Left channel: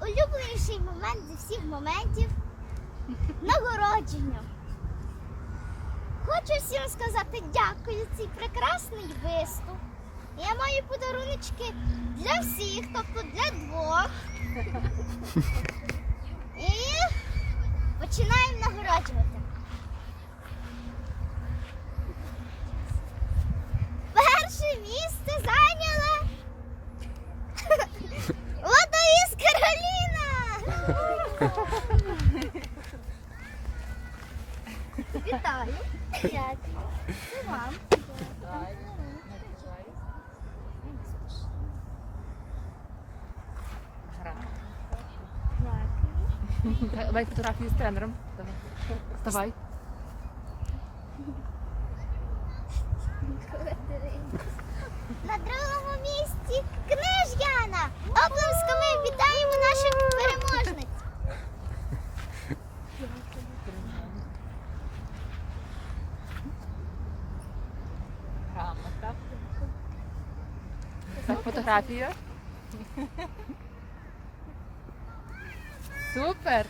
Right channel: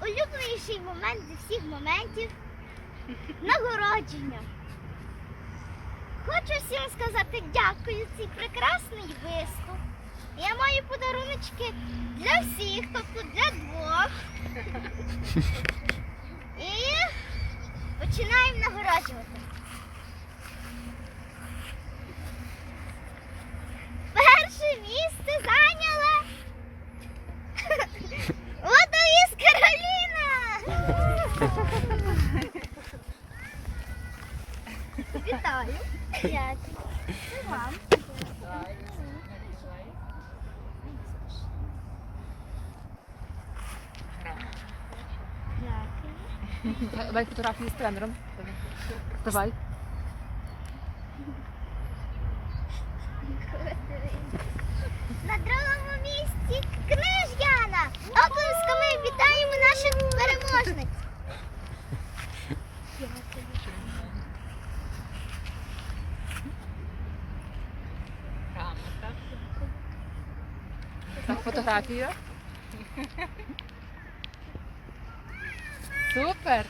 найулюбленіший момент зі всіх моментів нагородження. Хочу всім сказати дякую цей прекрасний виступ. Я маю подаруночки для всіх, тобто для двох. І починаємо нагороджувати. Вітаю. Дякую. І вам. Давай фотографії з тренером. Давай. На другому місці Книж'яна. Так, фотографію. Супер.